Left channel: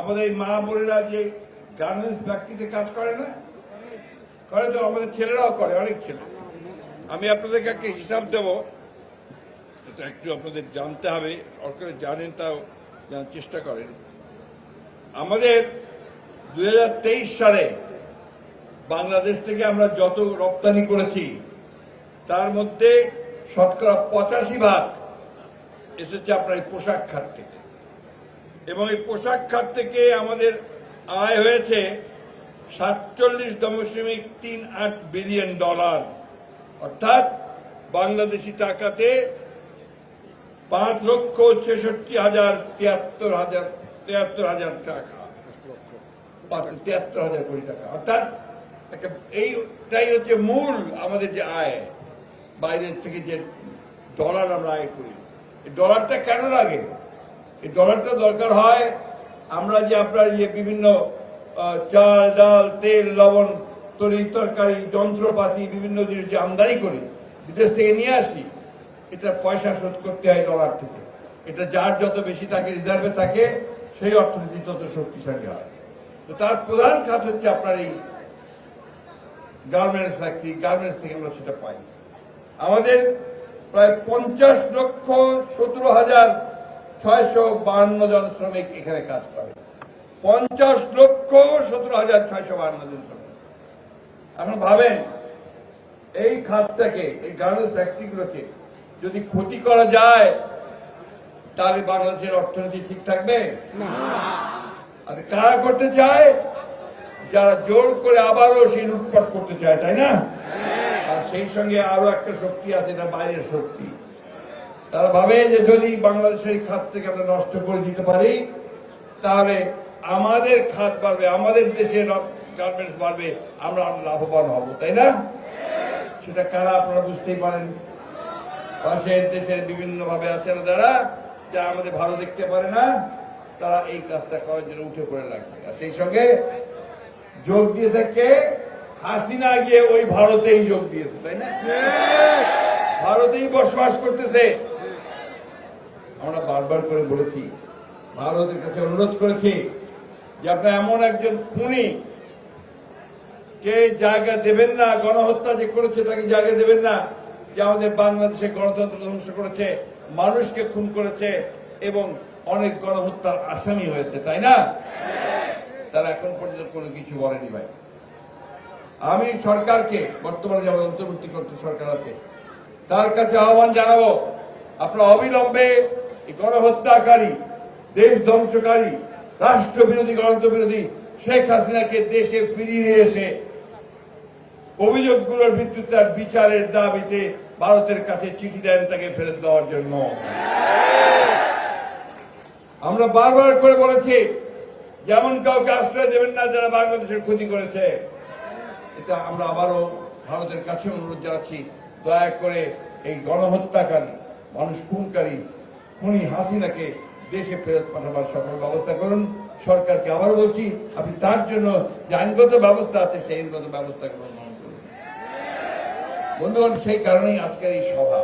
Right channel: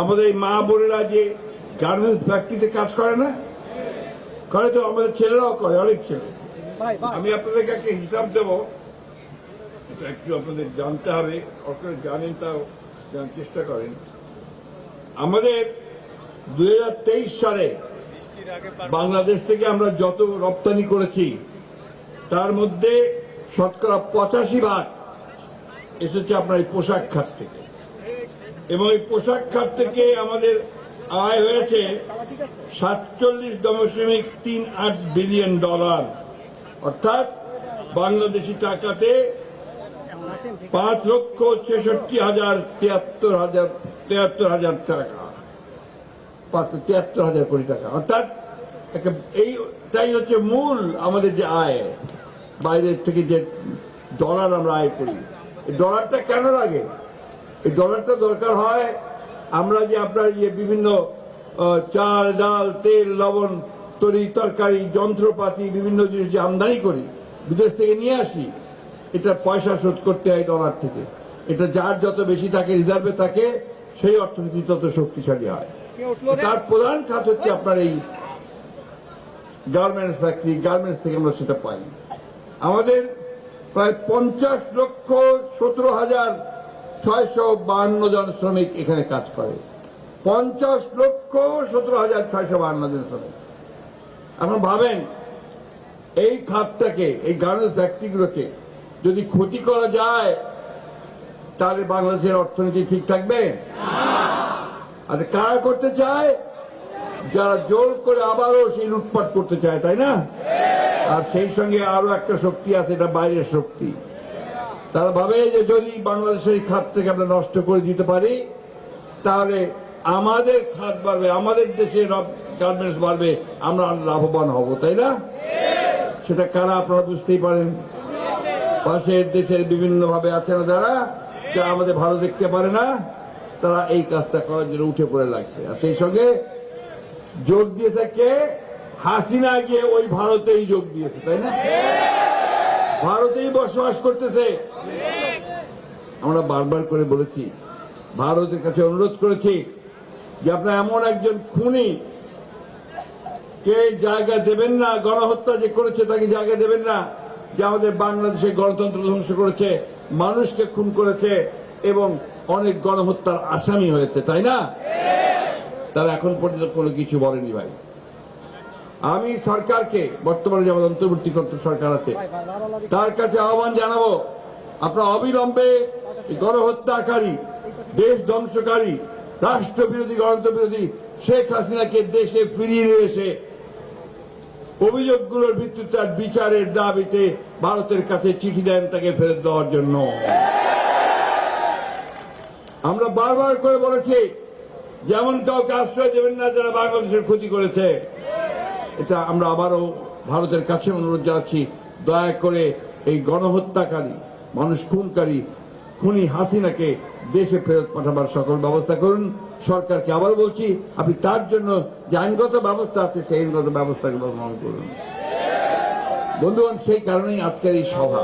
আমাদের এই মা বোনেরা যে গার্মেন্টস ফ্যাক্টরিতে কাজ করে না, করে তো আমাদের ছেলেরাও করে, অনেক ছেলে। আমি আপনাদেরকে একটা হিসাব দেব, একটু আপনাদের জানতে হবে, সরকার জানেন তাও জানার চেষ্টা করেন। আমাদের 2023 সালে বাংলাদেশ থেকে আমরা যত রপ্তানি করেছি তার মধ্যে শতকরা 85% এসেছে আপনার এই পোশাক খাত থেকে, এবং এই পোশাক খাত থেকে আমাদের আয় হয়েছে $47.38 বিলিয়ন, অর্থাৎ বাংলাদেশি টাকাতে 5,66,73,000 টাকা, 73,000 কোটি টাকা। অর্থাৎ এইটাই হচ্ছে মূল আমাদের যে আয়, বাইরের থেকে যে ডলার আমরা আয় করি। এই ডলারটা কেন লাগে? এই ডলারটা দরকার হয় আমরা যে আপনার বিভিন্ন চাল ডাল তেল লবণ তরি তরকারি যন্ত্রপাতি বিভিন্ন জিনিস যে আমদানি করি, বিদেশ থেকে নিয়ে আসি, এটা পয়সা শোধ করতে হয় ডলার থেকে। এটা যার যত বেশি থাকে, রিজার্ভে থাকে, সেই অর্থনীতি তত শক্তিশালী হয়। তার প্রধান খাত হচ্ছে আপনার এই গার্মেন্টস ফ্যাক্টরি, গার্মেন্টস থেকে আমরা সেটা পাই। আমাদের প্রায় 50,17,652 জন শ্রমিক এখানে কাজ করে। 50,17,652 জন শ্রমিক। এখন ভাবেন, এই খাতটাকে, এই গার্মেন্টস ফ্যাক্টরিগুলোকে যদি ক্ষতি করা যায়, তাহলে বাংলাদেশের অর্থনীতি ঠিক থাকবে? আর কারা করতে চায়? যারা জোর করে আবারও সেই লুটপাট করতে চায়, তাই না? আর সেই সঙ্গে আরো একটা শক্তি আছে, এটা বাইরের শক্তি। তারা ভাবে যে যদি বাংলাদেশের এই খাত থেকে আমরা নষ্ট করে দিতে পারি, তাহলে আমাদের খাত বাড়বে, আমাদের দেশের গার্মেন্টস বাড়বে, আমরা লাভবান হব, তাই না? সেটা কারা আপনারা বুঝতেই পারেন। পাশের দেশের বিভিন্ন ভাবে আছে না যারা আমাদের ভালো দেখতে পারে না, তারা এই কাজটা করার জন্য উঠে পড়ে লাগছে। আর সেই সঙ্গে যোগ দিয়েছে কে? হাসিনা গিয়ে ওই ভারতেই যোগ দিয়েছে, তাই না? ভারতেই বসবাস করতেছে। আমরা বারবার করে বলেছি, ভারতের কাছে অনুরোধ করেছি যে আপনারা এমন একজন খুনি কে জায়গা দেবেন না, গণহত্যা যে করেছে তাকে জায়গা দেবেন না, যে আমাদের বাংলাদেশের গণতন্ত্র ধ্বংস করেছে, মানুষকে খুন করেছে এবং অনেক গণহত্যার আসামি হয়েছে, তাই না? তারা এখন পর্যন্ত কোনো কিছু বলেনি। ভাই, আমি সরকারকে, বর্তমানে যেমন অন্তর্বর্তীকালীন সরকার আছে, তার কাছে আহ্বান জানাবো, আপনারা অবিলম্বে গণহত্যাকারী, দেশ ধ্বংসকারী, রাষ্ট্রবিরোধী, গণতন্ত্র বিরোধী শেখ হাসিনাকে দেশে ফিরিয়ে নিয়ে এসে অভিযোগগুলোর ভিত্তিতে তার বিচারের দাবিতে ভারতের কাছে চিঠি দেন তাকে ফেরত দেওয়ার জন্য। আমরা বারবার করে বলেছি, যেমন কাউকে আশ্রয় দেবেন না যারা বাংলাদেশের ক্ষতি করেছে। এটা আমরা আবারও ভারতের কাছে অনুরোধ জানাচ্ছি, দয়া করে এই গণহত্যাকারী, মানুষ খুনকারী, খুনি হাসিনাকে দেশে ফেরত পাঠাবার সকল ব্যবস্থা করুন। সরকারকে আবারও বলছি, আপনি তার জন্য যে আইনগত ব্যবস্থা আছে সেই আইনগত ব্যবস্থাগুলো গ্রহণ করুন। বন্ধুগণ, সেই কারণেই আজকের এই সভা।